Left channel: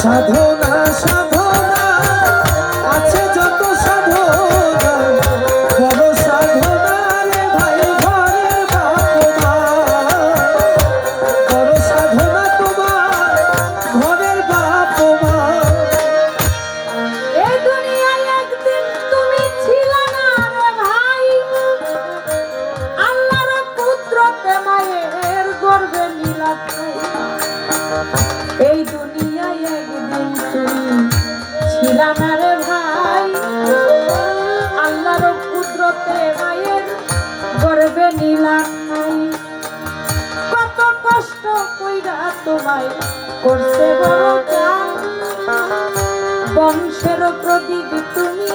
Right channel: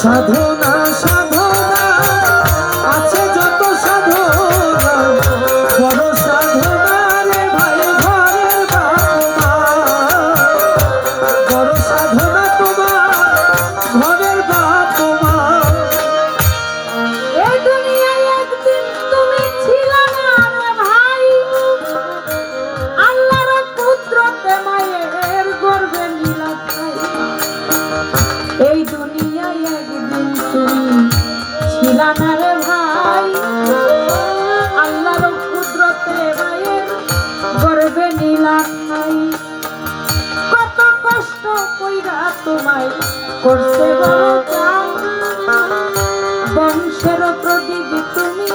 সাধনা সাধনা আছে যত সাধনা বড় সাধনা রে ভাই ঘরের বাবা বড় সাধনা তোমার ঘরের বাবা এই দুনিয়ায় একদিন তুমি ছিলে না রে ভাই আল্লাহর কুদরতে মায়ের গর্ভে নীলা খাই এই দুনিয়ায় একদিন তুমি ছিলে না রে ভাই আল্লাহর কুদরতে মায়ের গর্ভে নীলা খাই কত কষ্ট কইরা তোমায় করতে বড় চাও বংশের প্রদীপ তুমি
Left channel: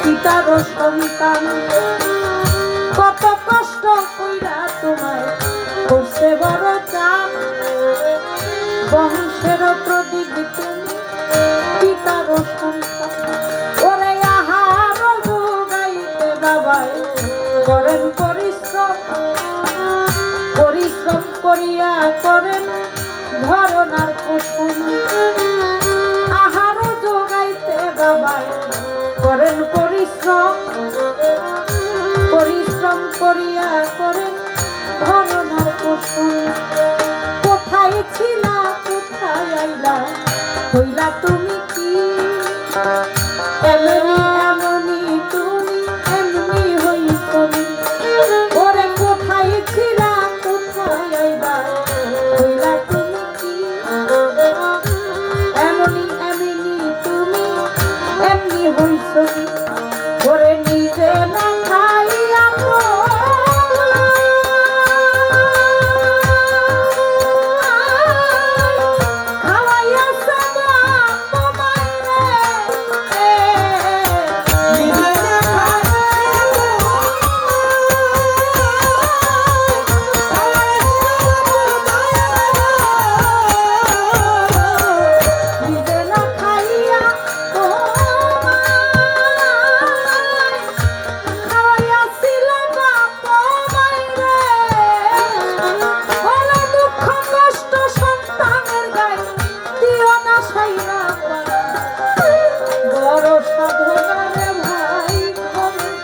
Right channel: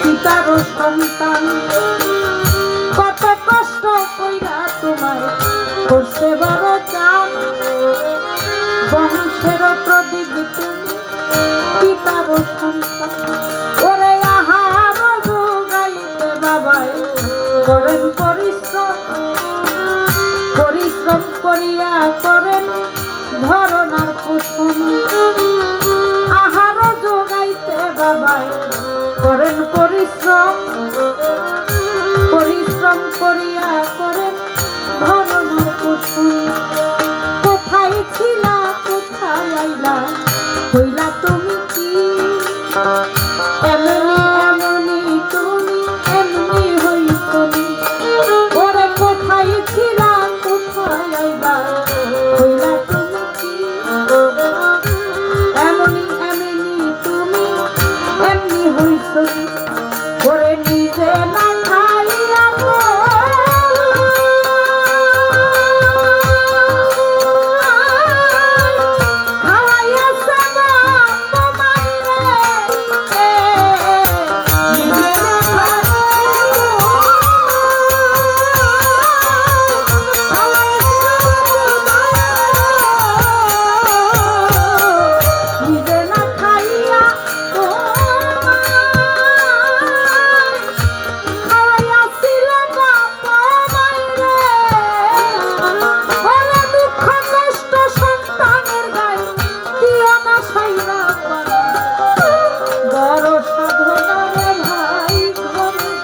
পিতার সন্তান কত কষ্ট কইরা তোমায় করতে বড় চাও বংশের প্রদীপ তুমি পিতার সন্তান ওরে আহার যোগাইতে বাবাই করেন পরিশ্রম পরিশ্রম করিয়া করেন ধরনার কুসুম আহার যোগাইতে বাবাই করেন পরিশ্রম পরিশ্রম করিয়া করেন ধরনার কুসুম কোথায় ছিলা কোথায় আইলা হইলা তুমি কি এমনি এমনি তুমি এমনি হইছ ওরে কোথায় ছিলা কোথায় আইলা হইলা তুমি কি এমনি এমনি তুমি এমনি হইছ ওরে নিজে না খাইয়া ঘরের সাধনা রে ভাই ঘরের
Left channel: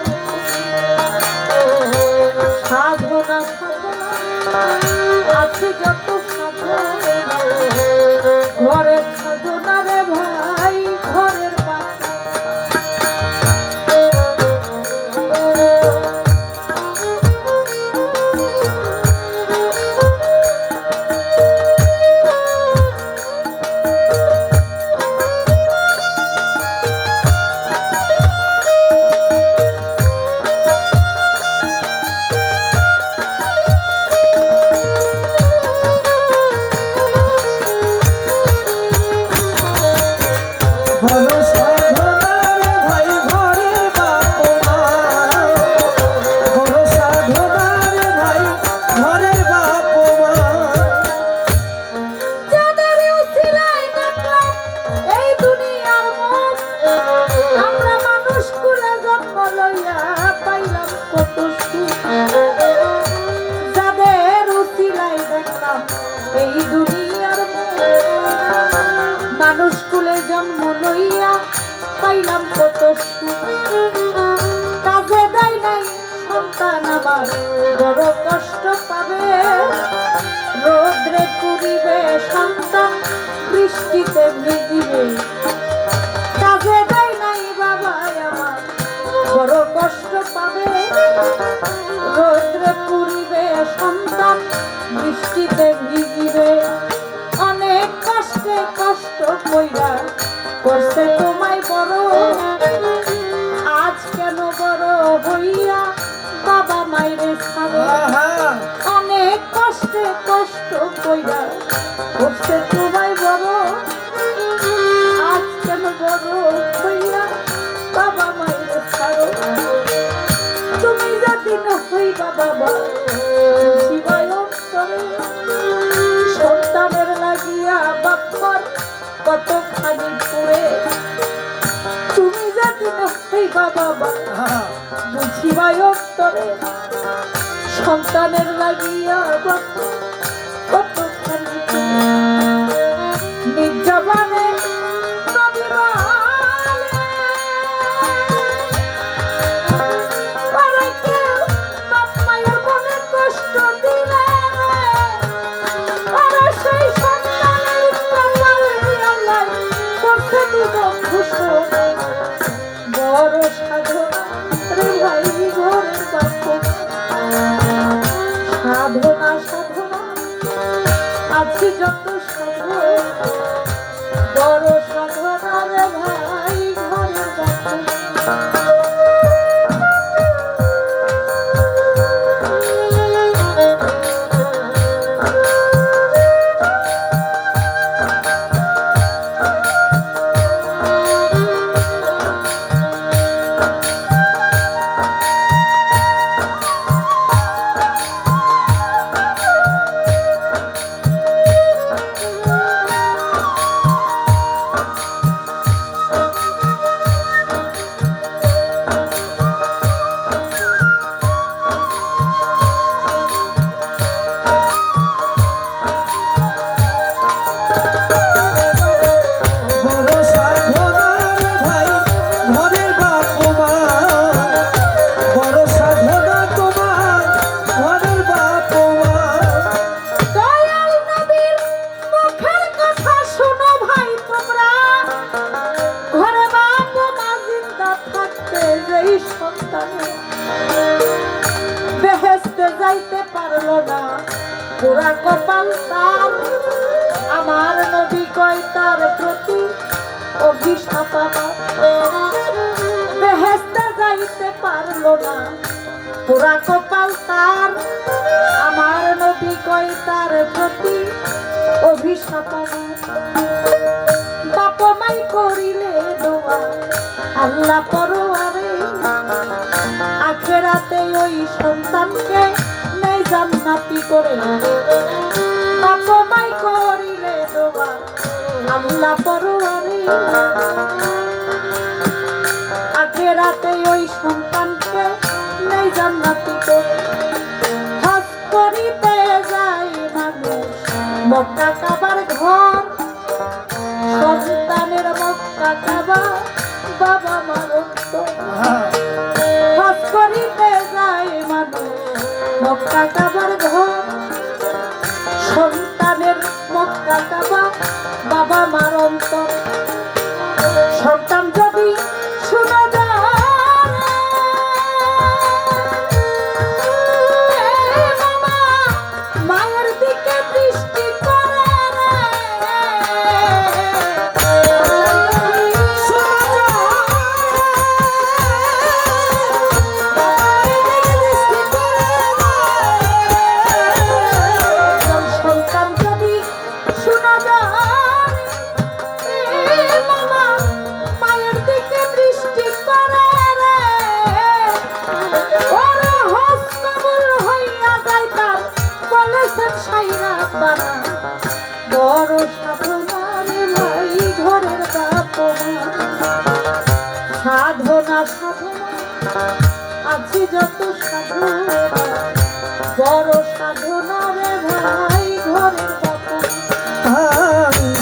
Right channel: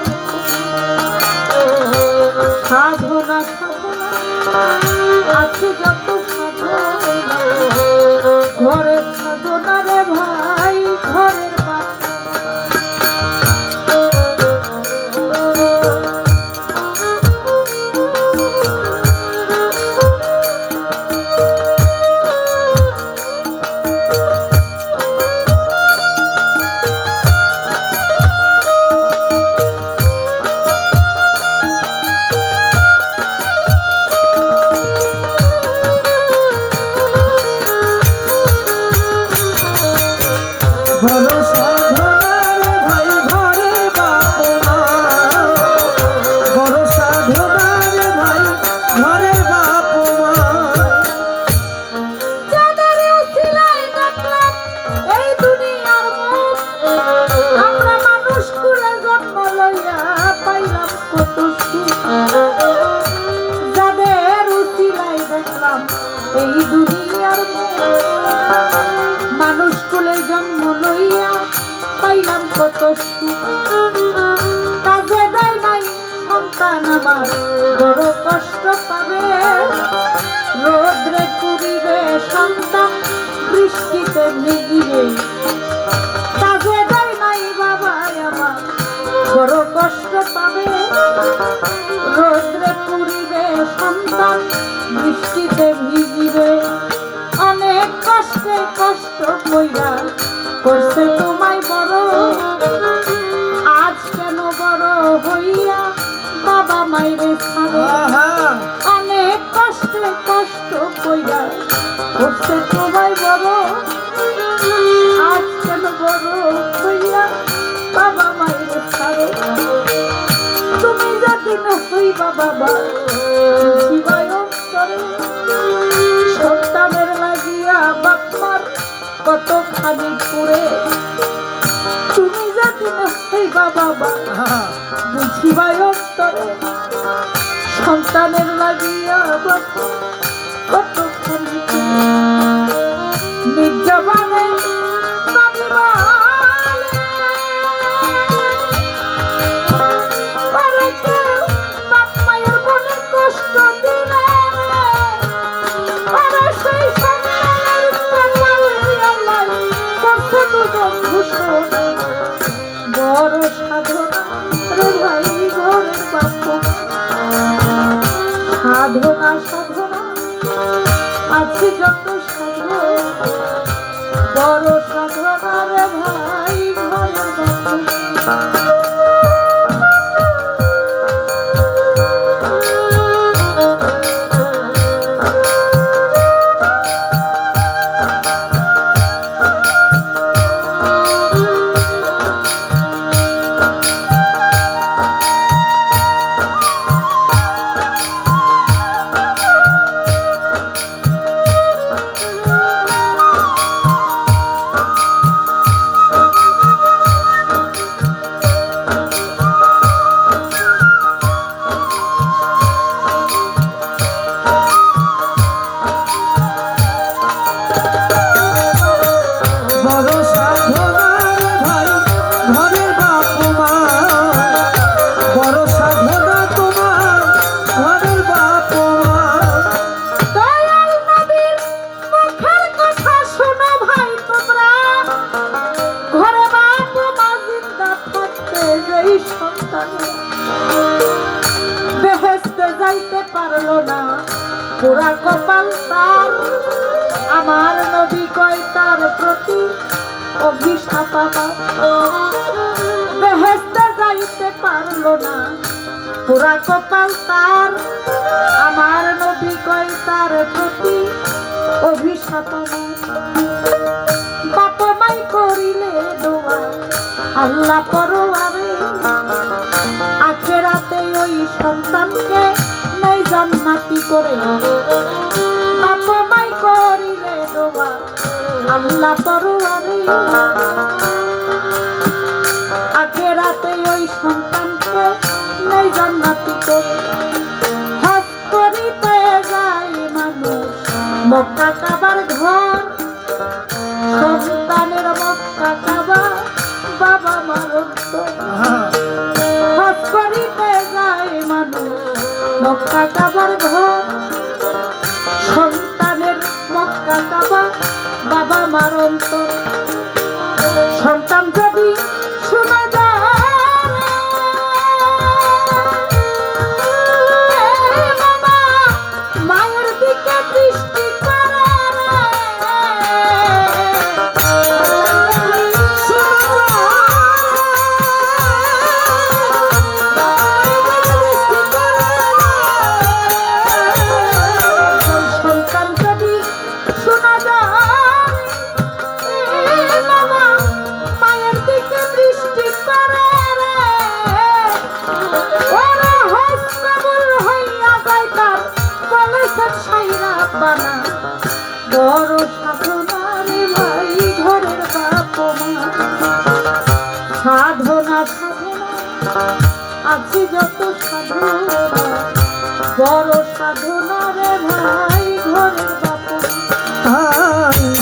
বড় সাধনা রে ভাই ঘরের বাবা বড় সাধনা রে ভাই ঘরের বাবা যাদের উছিলায় দেখলাম এই দুনিয়ার মুখ আমরা মানুষ করে জন্ম লইয়া পাইলাম কত সুখ যাদের উছিলায় দেখলাম এই দুনিয়ার মুখ মানুষ কুলে জন্ম লইয়া পাইলাম কত সুখ কাজে দেয় নাই সন্তান আমার বড় কষ্ট পাবে রোদ্রে পুরিবে সন্তান বৃষ্টিতে ভিজিবে কাজে দেয় নাই বাবা আমার বড় কষ্ট পাবে রোদ্রে পুরিবে সন্তান বৃষ্টিতে ভিজিবে অনেক কষ্টে কষ্ট কইরা করছে তোমায় বড় আজ কেন বড় হইয়া বাবা মাই মাইরে ছাড়ে অনেক কষ্টে কষ্ট কইরা করছে তোমায় বড় আজ কেন বড় হইয়া বাবা মাইরে ছাড়ে তুমি যদি হইবা বাবা জীবায় অন্তরে সন্তানের লাগিয়া বাপ্পার কতখানি পুরে তুমি যদি হইবা বাবা বুঝিবায় অন্তরে সন্তানের লাগিয়া বাপ্পা কতখানি নির্জবানে বড় সাধনা রে ভাই ঘরের বাপ সাধনা সাধনা আছে যত সাধনা বড় সাধনা রে ভাই ঘরের বাপ বেহেশতে যাইতে পারলো না পুরা কপাল তার আমার নবী কয় তার প্রতি অভিশাপ বেহেশতে যাইতে পারলো না পুরা কপাল তার আমার নবী কয় তার প্রতি অভিশাপ বাপ মাই করিলে দোয়া আল্লাহ পরোয়ারে আখেরাতে ওই সন্তানকে নেই জান্নাতি করে বাপ মাই করিলে দোয়া আল্লাহ পরোয়ারে আখেরাতে ওই সন্তানকে নেই জান্নাতি করে হজ করিতে যায় মানুষ মক্কা কাবার ঘর সন্তানের মক্কা কাবা বাবা মারত হজ করিতে যায় মানুষ মক্কা কাবার ঘর সন্তানের মক্কা কাবা বাবা মারন্ত সন্তান যদি শোনা যায় বাবা মায়ের দিকে দৃষ্টি বড় সাধনার ভাই ঘরের বাপ সাধনা সাধনা আছে যত সাধনা বড় সাধনার ভাই ঘরের বাপ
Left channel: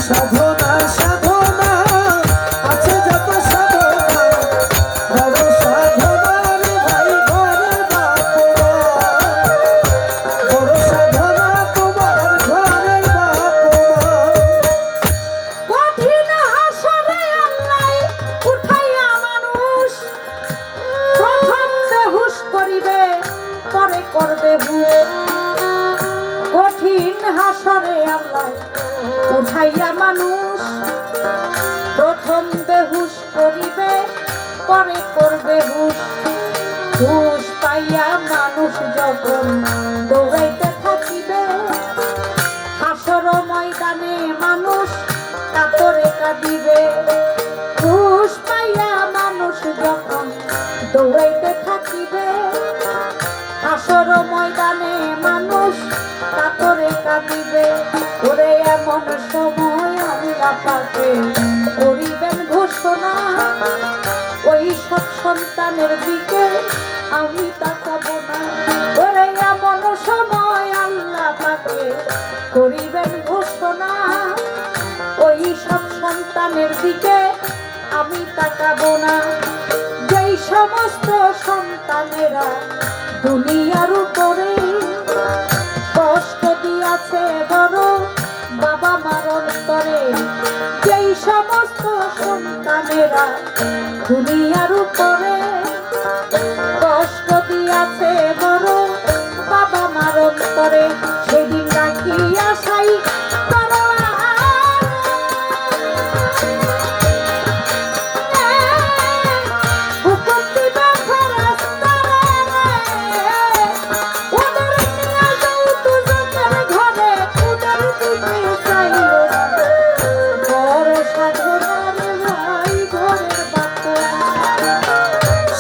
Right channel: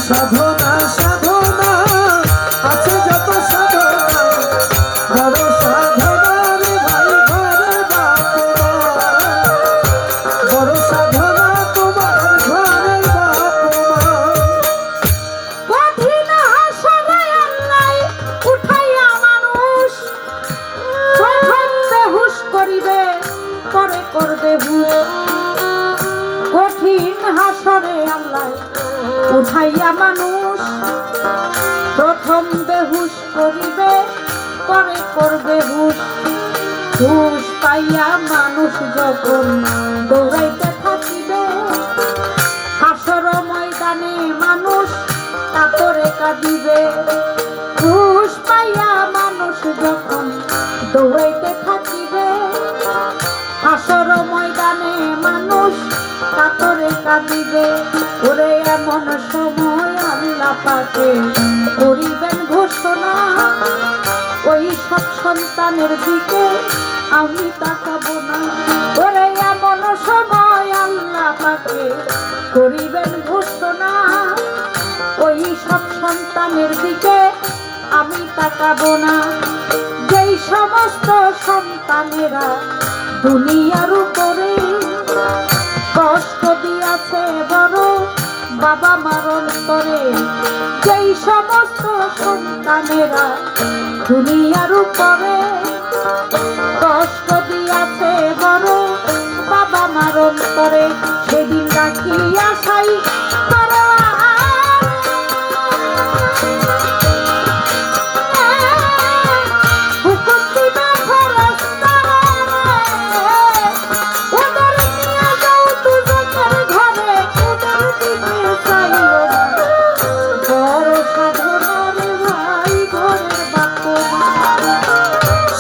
সাধনা সাধনা আছে যত সাধনা বড় সাধনার ভাই ঘরের বাপ বড় সাধনা তোমার ঘরের বাপ কঠিন হাসরে আল্লাহ উঠাইয়া মানুষ প্রথম বেহুশ করিবে পরে করবে হুশ কঠিন হাসরে আল্লাহ উঠাইয়া মানুষ প্রথম বেহুশ করিবে পরে করবে হুশ হুশ পাই পাইয়া মানুষ যখন দৌড়াইতে থাকিবে, হাসর ময়দানে মানুষ কাতরে কাঁদিবে। ঘুষ পাইয়া মানুষ যখন দৌড়াইতে থাকিবে, হাসর ময়দানে মানুষ কাতরে কাঁদিবে। ওরে এমন সময় আল্লাহ পাকে করিবেন ঘোষণা, ওই সব সন্তানের দিকে আমি তাকাবো না। ওরে এমন সময় আল্লাহ পাকে করিবেন ঘোষণা, ওই সব সন্তানের দিকে আমি তাকাবো না। যেই সমস্ত সন্তানেরা দুনিয়ার উপরে কষ্ট দিয়াছে বড় বাবা মার অন্তরে, যেই সমস্ত সন্তানেরা দুনিয়ার উপরে কষ্ট দিয়াছে বড় বাবা মার অন্তরে, সেদিন রাখিয়া সাই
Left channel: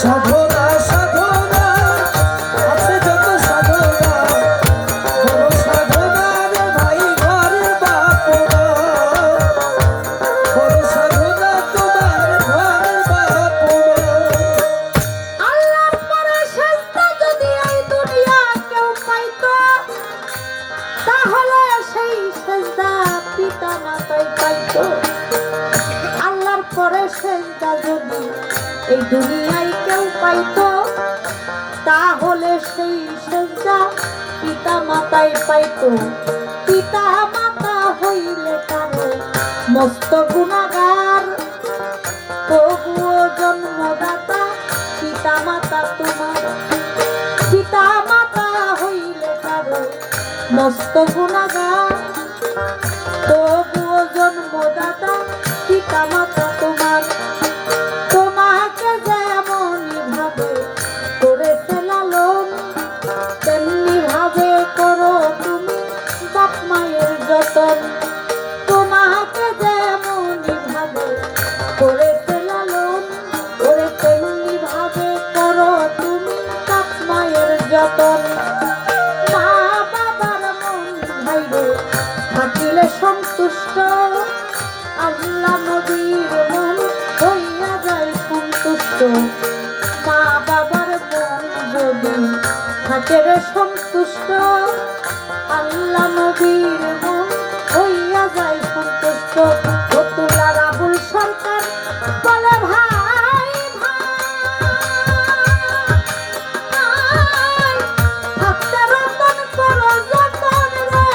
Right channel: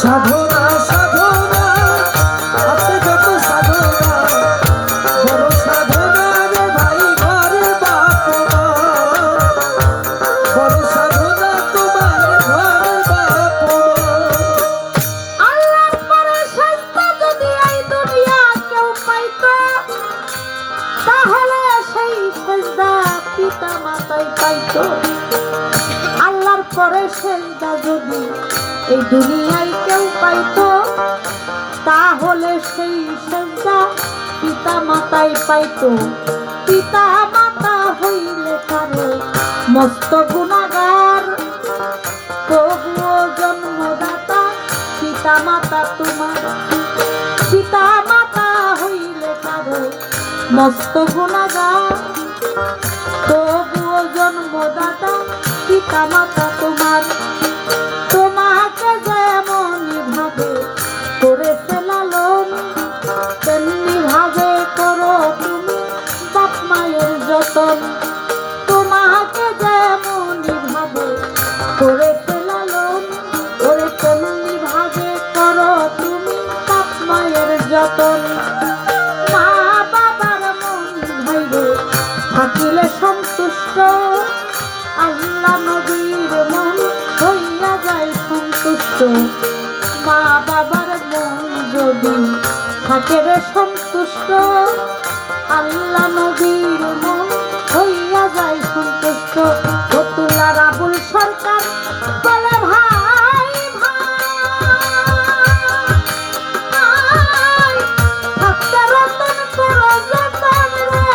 সাধনা সাধনা আছে যত সাধনা, বড় সাধনা রে ভাই ঘরের বাপ, বড় সাধনা তোমার ঘরের বাপ। আল্লাহর পরে সেজদা যদি এই দুনিয়া কেউ পাইতো, তাহলে সেই সেজদা পিতা মাতাই পাইতো। আল্লাহর পরে সেজদা যদি এই দুনিয়ায় কেউ পাইতো, তাহলে সেই সেজদা পিতা মাতাই পাইতো। পিতা মাতা হইলে কারো মস্ত গুনাহগার, তবুও জন্মদাতা পিতা মাতা তোমার। পিতা মাতা হইলে কারো মস্ত গুনাহগার, তবুও জন্মদাতা পিতা মাতা তোমার। তোমাকে যেমন ভাবে করেছে লালন, তেমনি ভাবে করো তুমি বাপ মায়ের যতন। তোমাকে যেমন ভাবে করেছে লালন, ওরে তেমনি ভাবে করো তুমি বাপ মায়ের যতন। মা বাবার মন ভাইবে থাকিলে সন্তুষ্ট, আল্লাহ নবীর মন হইয়া যায় সন্তুষ্ট। মা বাবার মন যদি থাকে রে সন্তুষ্ট, আল্লাহ নবীর মন হইয়া যায় সন্তুষ্ট। ফতুল্লা রাবুল সরকার বলে ভাই ভাই থাকতে রতন করো যতন রে,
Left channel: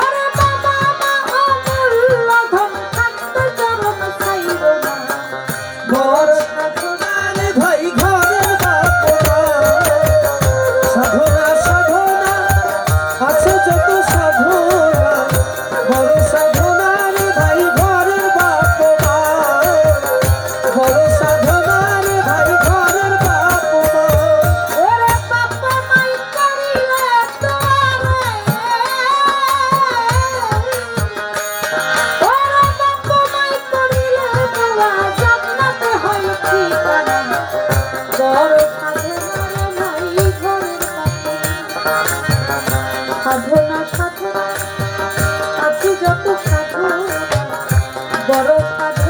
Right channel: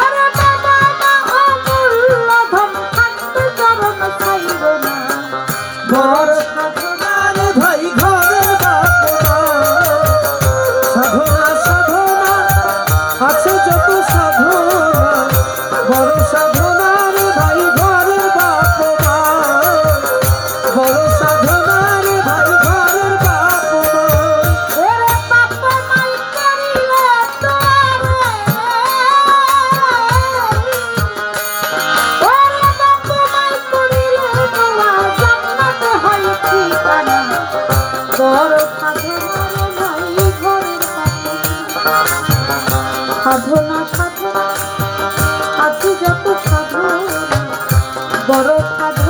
ওরে বাবা মা অমূল্য ধন থাকতে চরণ চাইব না। বড় সাধনা রে ভাই ঘরের বাপ, সাধনা সাধনা আছে যত সাধনা, বড় সাধনা রে ভাই ঘরের বাপ, বড় সাধনা রে ভাই ঘরের বাপ। ওরে বাবা মাই করিলে তোরে, ওরে বাবা মাই করিলে তোরা জান্নাতে হয় ঠিকানা। বড় সাধনা নাই ঘরের সাধনা সাধনা আছে যত সাধনা, বড় সাধনা